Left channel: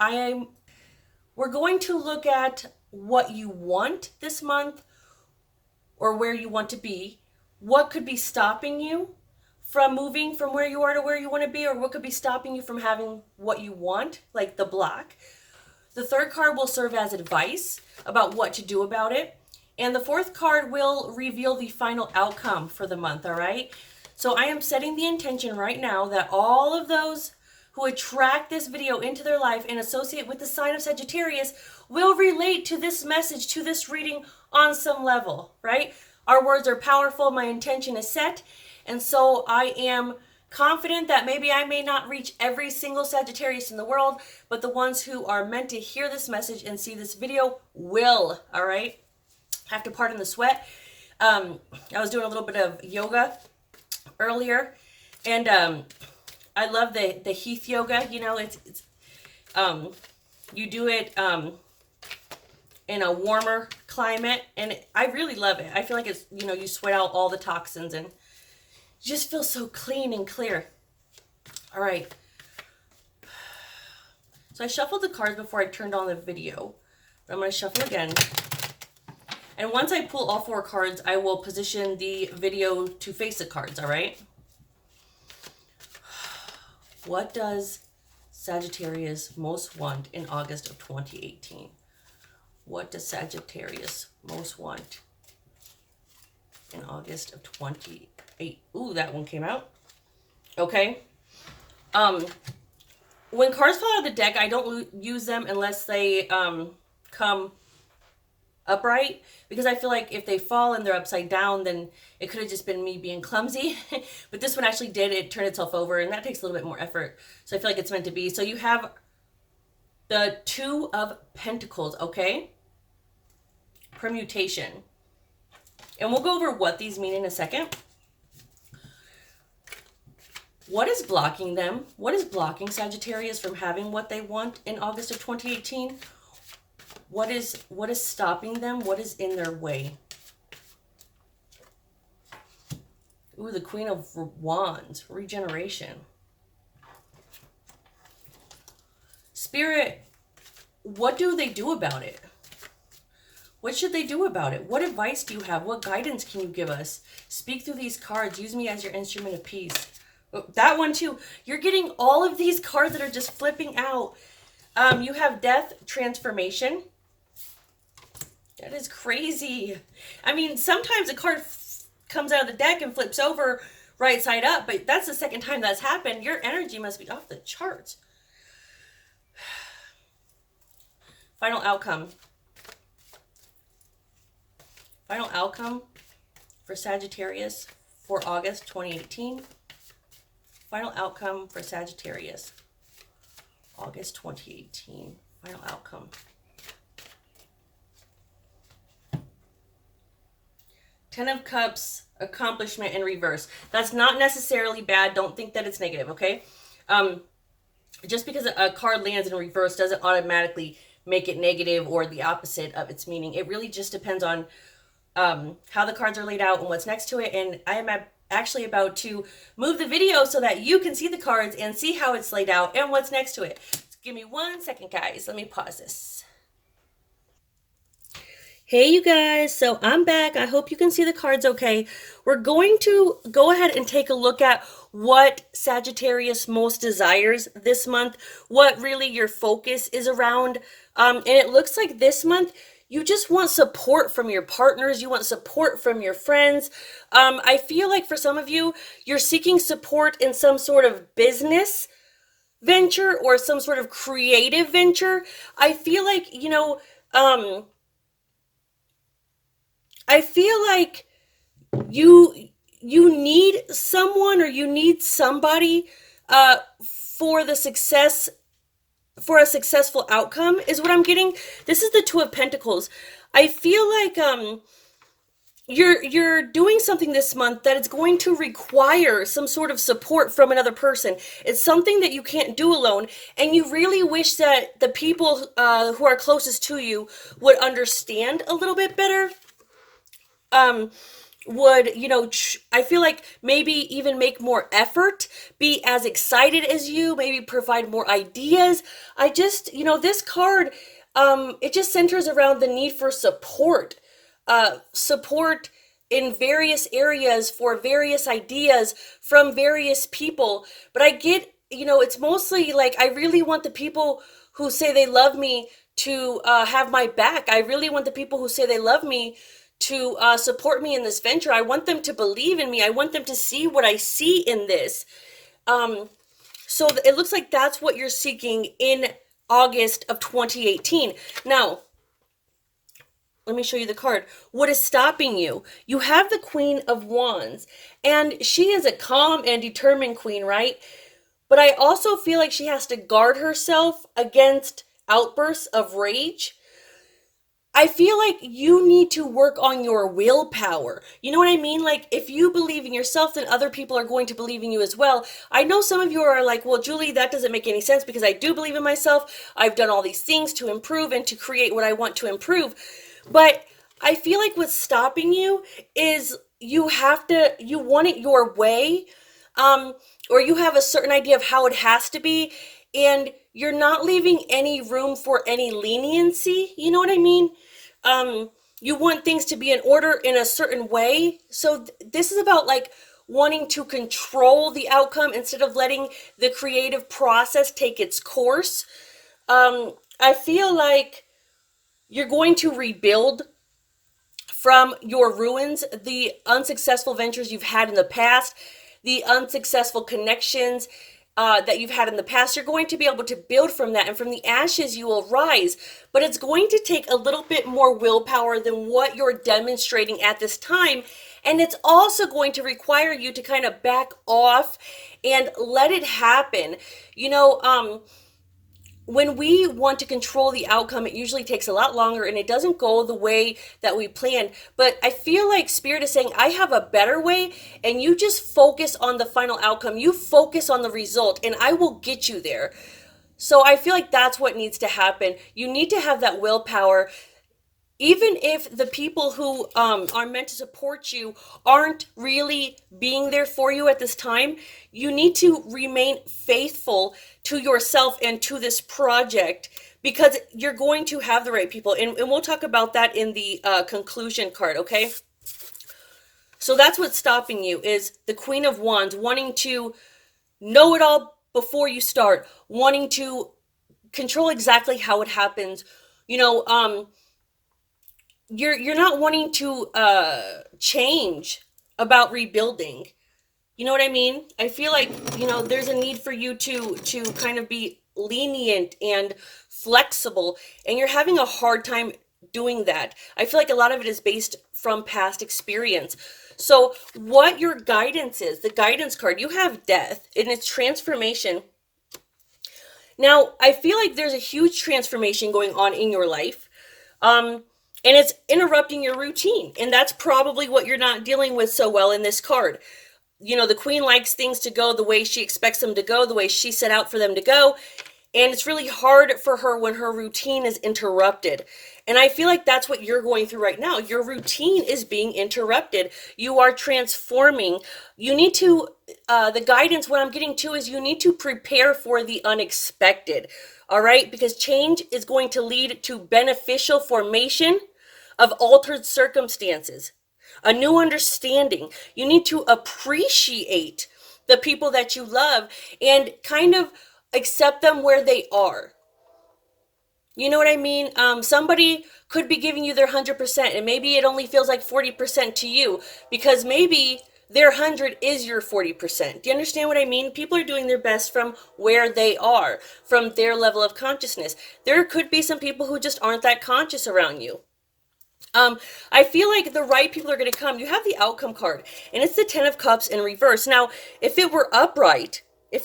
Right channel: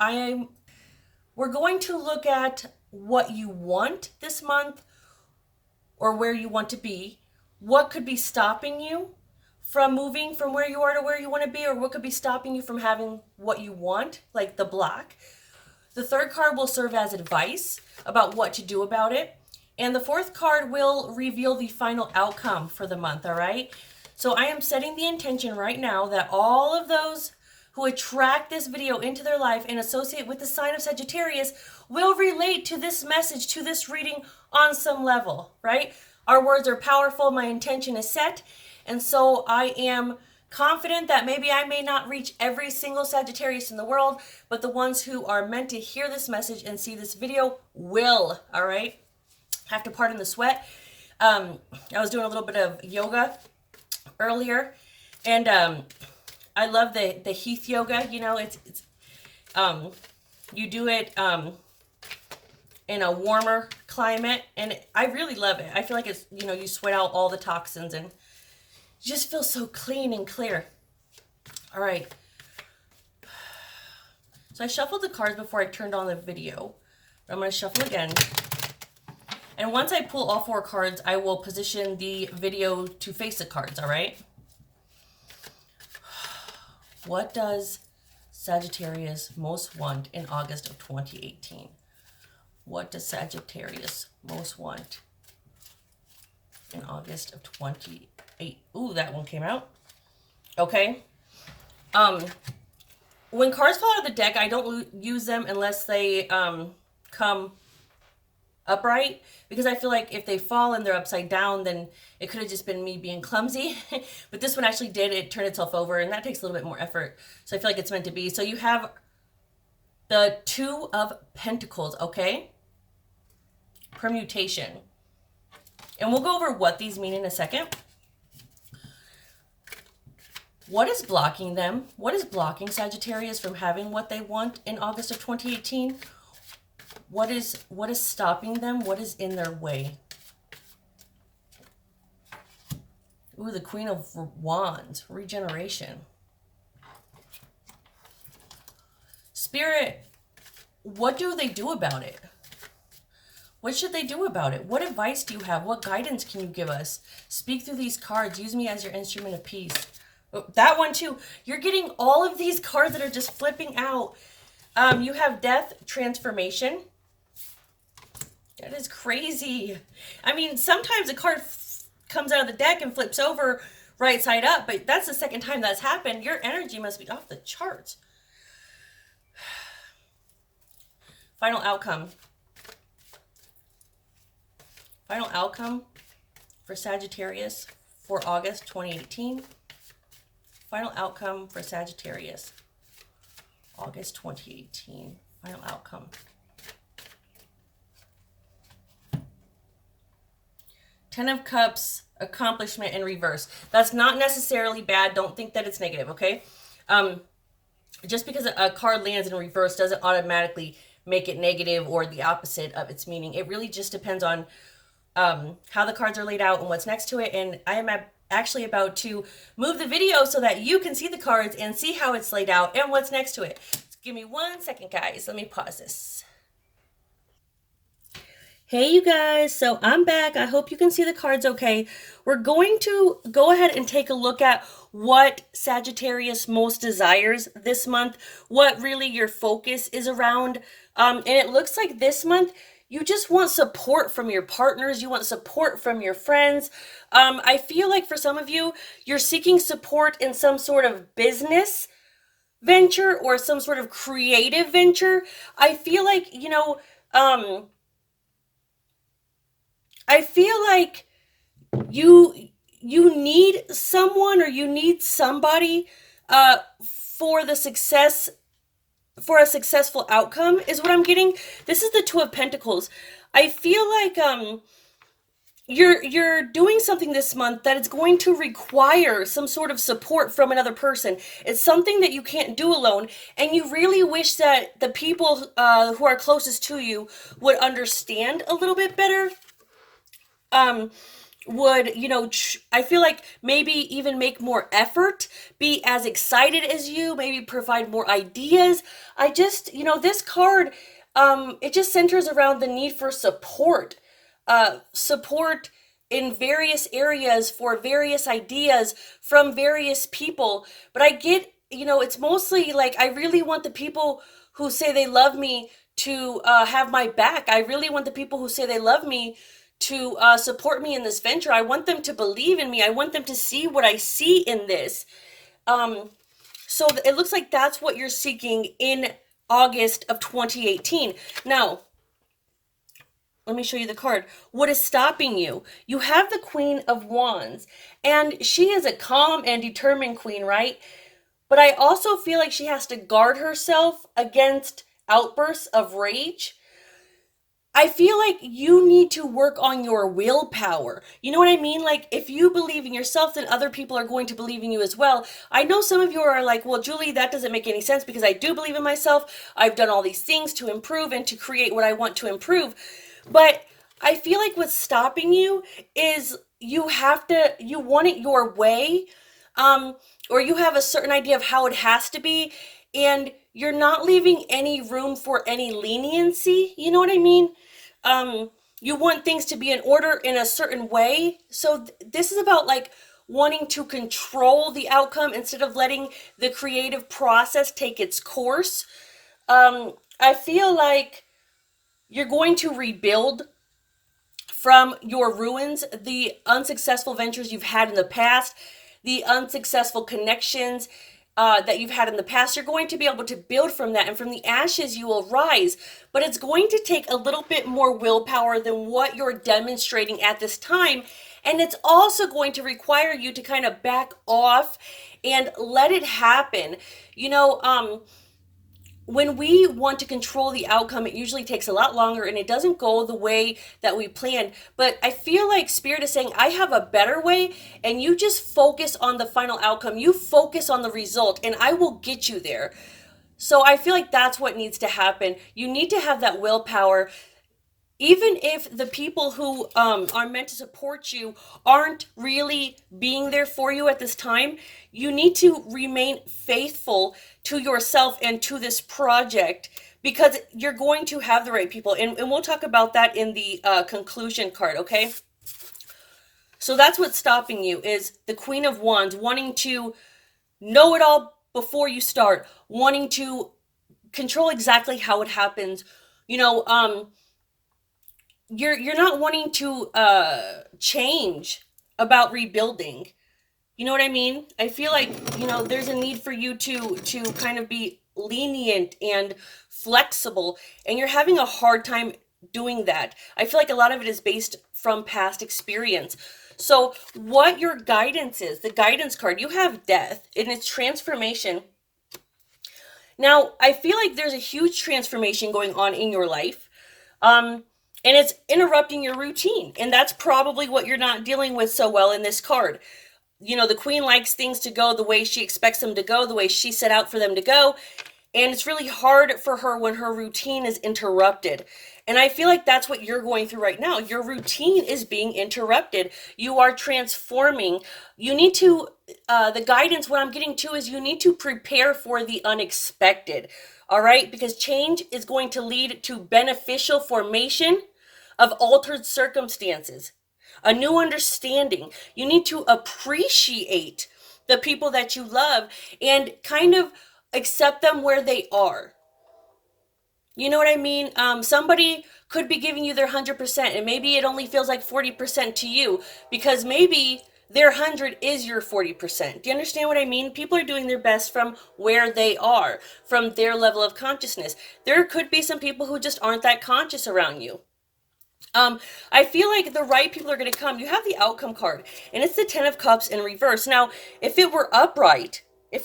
we're going to look at what you want this month or where you want to be, what could be stopping you from moving from where you are to where you want to be, or what could be stopping you from having what you want, like the black. The third card will serve as advice about what to do about it. And the fourth card will reveal the final outcome for the month, all right? So I am setting the intention right now that all of those who attract this video into their life and associate with the sign of Sagittarius will relate to this message, to this reading on some level, right? Our words are powerful. My intention is set. And so I am confident that maybe I may not reach every single Sagittarius in the world, but the ones who are meant to hear this message and see this video will, all right? Have to pardon the sweat. I was doing a little bit of yoga earlier, and I love the Heath yoga. You know, it's you do it in a warmer climate, and I really love it. I feel like it's, you know, you sweat out all the toxins and you just feel so clean and clear. All right. So I shuffled the cards before I turned on the video. I'm going to shuffle again. And once I pull all four cards, I will position the video to face the cards, all right? What does Sagittarius most want in August of 2018? What does Sagittarius most want in August of 2018? Ooh, that one came out. Okay. When cards fall out of the deck, I don't use them unless they come upright, because I feel like if they fall and they're upside down, then it could have just been me being clumsy. But this one actually did. It turned itself over, and that takes a little bit more effort. So I feel like it's meant to be. So you have the Two of Pentacles, okay? Permutation. And we'll go over what these mean in a second. What is blocking them? What is blocking Sagittarius from having what they want in August of 2018? What is stopping them? What is in their way? Ooh, the Queen of Wands, regeneration. Spirit, what do they do about it? What should they do about it? What advice do you have? What guidance can you give us? Speak through these cards. Use me as your instrument of peace. Oh, that one too. You're getting all of these cards that are just flipping out. You have Death, Transformation. That is crazy. I mean, sometimes a card comes out of the deck and flips over right side up, but that's the second time that's happened. Your energy must be off the charts. Final outcome. Final outcome for Sagittarius for August 2018. Final outcome for Sagittarius, August 2018. Final outcome. Ten of Cups, accomplishment in reverse. That's not necessarily bad. Don't think that it's negative, okay? Just because a card lands in reverse doesn't automatically make it negative or the opposite of its meaning. It really just depends on how the cards are laid out and what's next to it. And I am actually about to move the video so that you can see the cards and see how it's laid out and what's next to it. Just give me 1 second, guys. Let me pause this. Hey, you guys. So I'm back. I hope you can see the cards okay. We're going to go ahead and take a look at what Sagittarius most desires this month, what really your focus is around. And it looks like this month, you just want support from your partners. You want support from your friends. I feel like for some of you, you're seeking support in some sort of business venture or some sort of creative venture. I feel like, you know, I feel like you need someone or you need somebody for the success, for a successful outcome is what I'm getting. This is the Two of Pentacles. I feel like you're doing something this month that is going to require some sort of support from another person. It's something that you can't do alone, and you really wish that the people who are closest to you would understand a little bit better. would, I feel like maybe even make more effort, be as excited as you, maybe provide more ideas. I just, this card, it just centers around the need for support. Support in various areas for various ideas from various people. But I get, it's mostly like I really want the people who say they love me to have my back. I really want the people who say they love me to support me in this venture. I want them to believe in me. I want them to see what I see in this. Um, so it looks like that's what you're seeking in August of 2018. Now, let me show you the card. What is stopping you? You have the Queen of Wands, and she is a calm and determined queen, right? But I also feel like she has to guard herself against outbursts of rage. I feel like you need to work on your willpower. You know what I mean? Like, if you believe in yourself, then other people are going to believe in you as well. I know some of you are like, well, Julie, that doesn't make any sense because I do believe in myself. I've done all these things to improve and to create what I want to improve. But I feel like what's stopping you is you want it your way, um, or you have a certain idea of how it has to be, and you're not leaving any room for any leniency. You know what I mean? um you want things to be in order in a certain way. So this is about like wanting to control the outcome instead of letting the creative process take its course. I feel like you're going to rebuild from your ruins, the unsuccessful ventures you've had in the past, the unsuccessful connections that you've had in the past. You're going to be able to build from that, and from the ashes you will rise. But it's going to take a little bit more willpower than what you're demonstrating at this time. And it's also going to require you to kind of back off and let it happen. You know, when we want to control the outcome, it usually takes a lot longer and it doesn't go the way that we planned. But I feel like Spirit is saying, I have a better way, and you just focus on the final outcome. You focus on the result, and I will get you there. So I feel like that's what needs to happen. You need to have that willpower. Even if the people who are meant to support you aren't really being there for you at this time, you need to remain faithful to yourself and to this project, because you're going to have the right people. And we'll talk about that in the conclusion card, okay? So that's what's stopping you is the Queen of Wands, wanting to know it all before you start, wanting to control exactly how it happens. You know, you're not wanting to change about rebuilding. You know what I mean? I feel like, there's a need for you to kind of be lenient and flexible, and you're having a hard time doing that. I feel like a lot of it is based from past experience. So what your guidance is, the guidance card, you have death and its transformation. Now, I feel like there's a huge transformation going on in your life. And it's interrupting your routine. And that's probably what you're not dealing with so well in this card. The queen likes things to go the way she expects them to go, the way she set out for them to go. And it's really hard for her when her routine is interrupted. And I feel like that's what you're going through right now. Your routine is being interrupted. You are transforming. You need to, the guidance, what I'm getting to is you need to prepare for the unexpected. All right? Because change is going to lead to beneficial formation of altered circumstances, a new understanding. You need to appreciate the people that you love and kind of accept them where they are. You know what I mean? Somebody could be giving you their 100%, and maybe it only feels like 40% to you because maybe their 100 is your 40%. Do you understand what I mean? People are doing their best from where they are, from their level of consciousness. There could be some people who just aren't that conscious around you. I feel like the right people are going to come. You have the outcome card, and it's the Ten of Cups in reverse. Now, if it were upright, it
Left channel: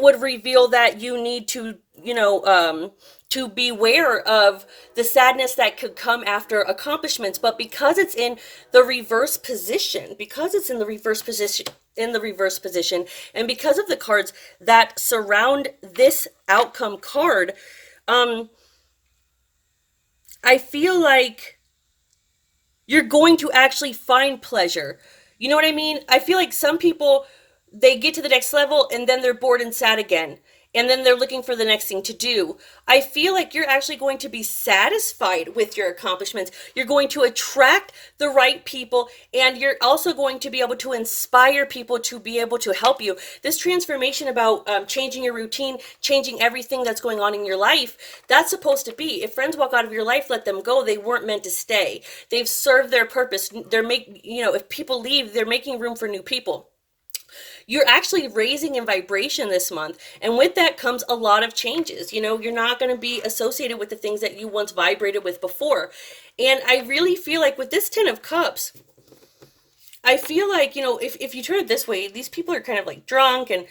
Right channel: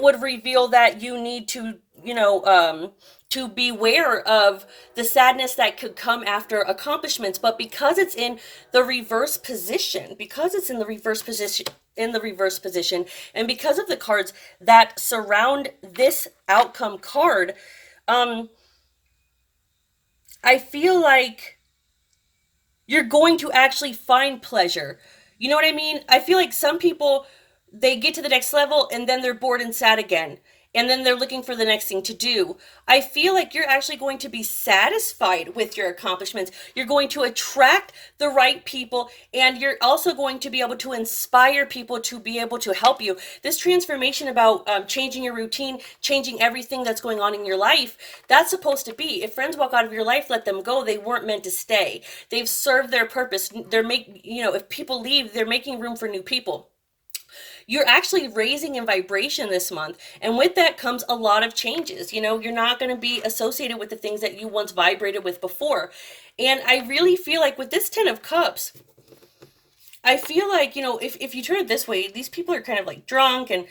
would reveal that you need to, to beware of the sadness that could come after accomplishments. But because it's in the reverse position, and because of the cards that surround this outcome card, I feel like you're going to actually find pleasure. You know what I mean? I feel like some people, they get to the next level and then they're bored and sad again. And then they're looking for the next thing to do. I feel like you're actually going to be satisfied with your accomplishments. You're going to attract the right people, and you're also going to be able to inspire people to be able to help you. This transformation about changing your routine, changing everything that's going on in your life, that's supposed to be. If friends walk out of your life, let them go. They weren't meant to stay. They've served their purpose. If people leave, they're making room for new people. You're actually raising in vibration this month. And with that comes a lot of changes. You're not going to be associated with the things that you once vibrated with before. And I really feel like with this 10 of Cups, I feel like, if you turn it this way, these people are kind of like drunk and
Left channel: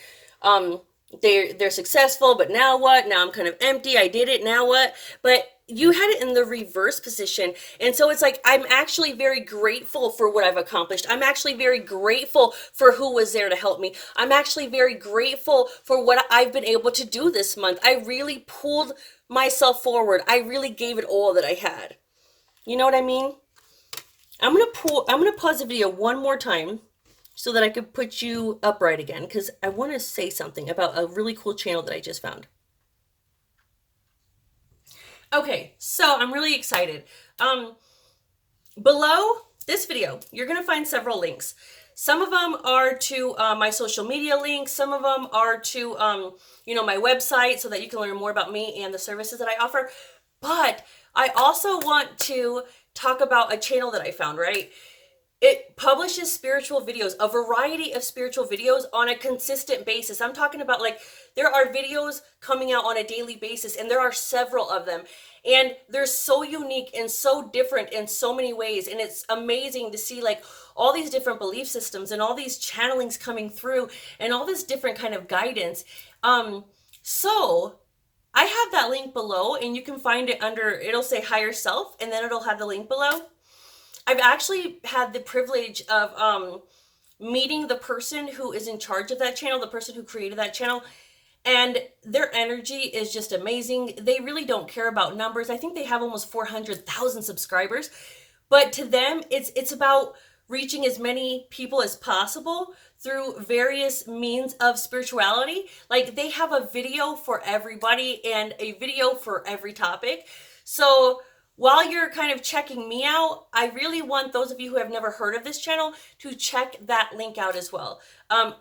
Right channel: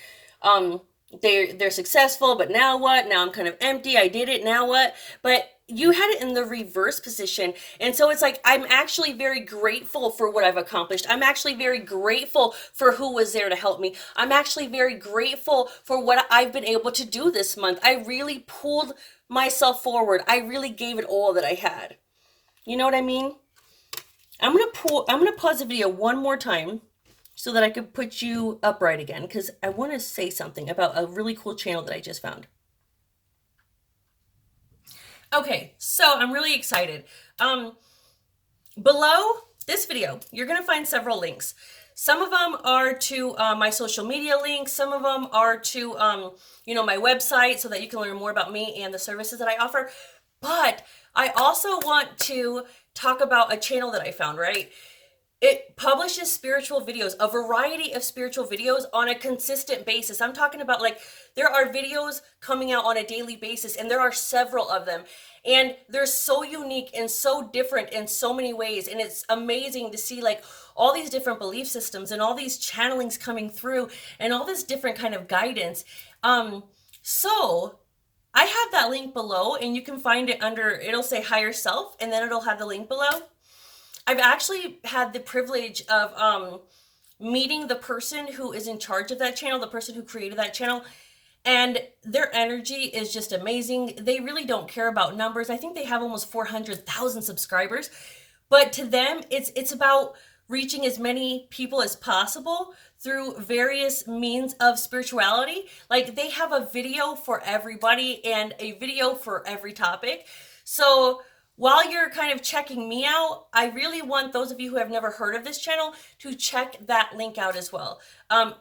they're successful, but now what? Now I'm kind of empty. I did it. Now what? But you had it in the reverse position. And so it's like, I'm actually very grateful for what I've accomplished. I'm actually very grateful for who was there to help me. I'm actually very grateful for what I've been able to do this month. I really pulled myself forward. I really gave it all that I had. You know what I mean? I'm going to pause the video one more time so that I could put you upright again, because I want to say something about a really cool channel that I just found. Okay, so I'm really excited. Below this video, you're going to find several links. Some of them are to my social media links. Some of them are to, my website so that you can learn more about me and the services that I offer. But I also want to talk about a channel that I found, right? It publishes spiritual videos, a variety of spiritual videos on a consistent basis. I'm talking about, like, there are videos coming out on a daily basis, and there are several of them. And they're so unique and so different in so many ways. And it's amazing to see, like, all these different belief systems and all these channelings coming through and all this different kind of guidance. So I have that link below, and you can find it under, it'll say higher self, and then it'll have the link below. I've actually had the privilege of meeting the person who is in charge of that channel, the person who created that channel, and their energy is just amazing. They really don't care about numbers. I think they have almost 400,000 subscribers, but to them, it's about reaching as many people as possible through various means of spirituality. Like, they have a video for everybody and a video for every topic. So while you're kind of checking me out, I really want those of you who have never heard of this channel to check that link out as well.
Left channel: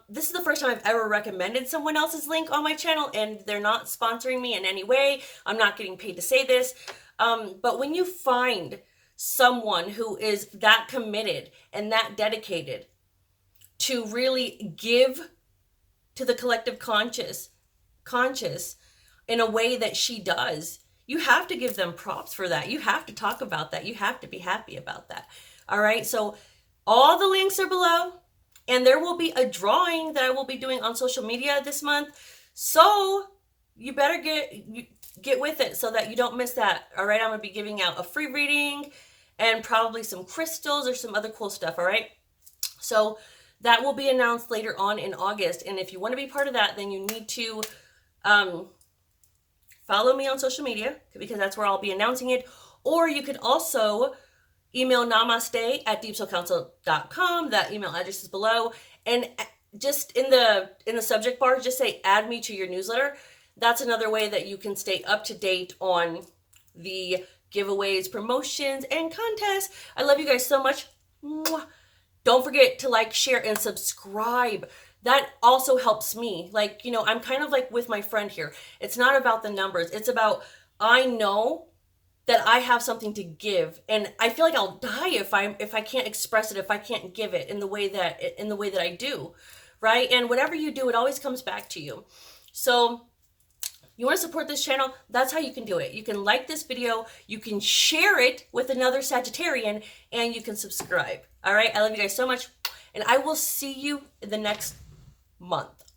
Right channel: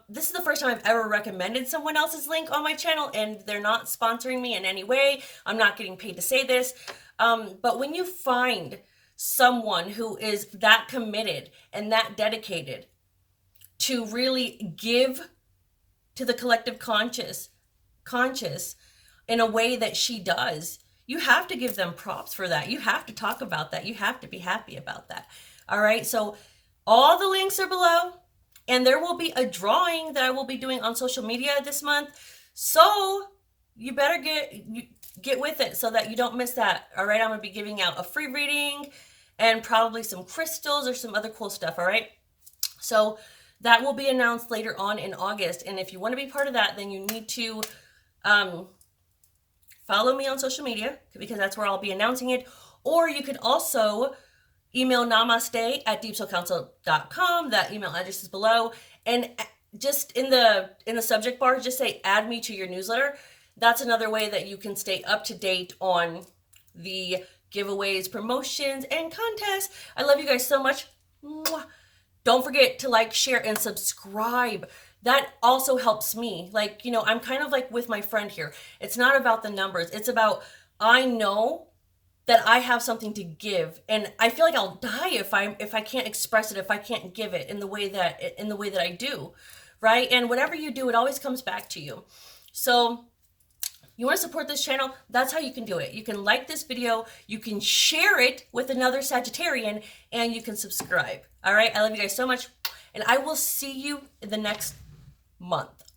This is the first time I've ever recommended someone else's link on my channel, and they're not sponsoring me in any way. I'm not getting paid to say this. But when you find someone who is that committed and that dedicated to really give to the collective conscious in a way that she does, you have to give them props for that. You have to talk about that. You have to be happy about that. All right. So all the links are below, and there will be a drawing that I will be doing on social media this month. So you better get with it so that you don't miss that. All right. I'm going to be giving out a free reading and probably some crystals or some other cool stuff. All right. So that will be announced later on in August. And if you want to be part of that, then you need to, follow me on social media, because that's where I'll be announcing it. Or you could also email namaste@deepsoulcouncil.com. That email address is below. And just in the subject bar, just say add me to your newsletter. That's another way that you can stay up to date on the giveaways, promotions, and contests. I love you guys so much. Don't forget to like, share, and subscribe. That also helps me. Like, I'm kind of like with my friend here. It's not about the numbers. It's about, I know that I have something to give, and I feel like I'll die if I can't express it, if I can't give it in the way that I do, right? And whatever you do, it always comes back to you. So you want to support this channel? That's how you can do it. You can like this video, you can share it with another Sagittarian, and you can subscribe. All right? I love you guys so much, and I will see you in the next month.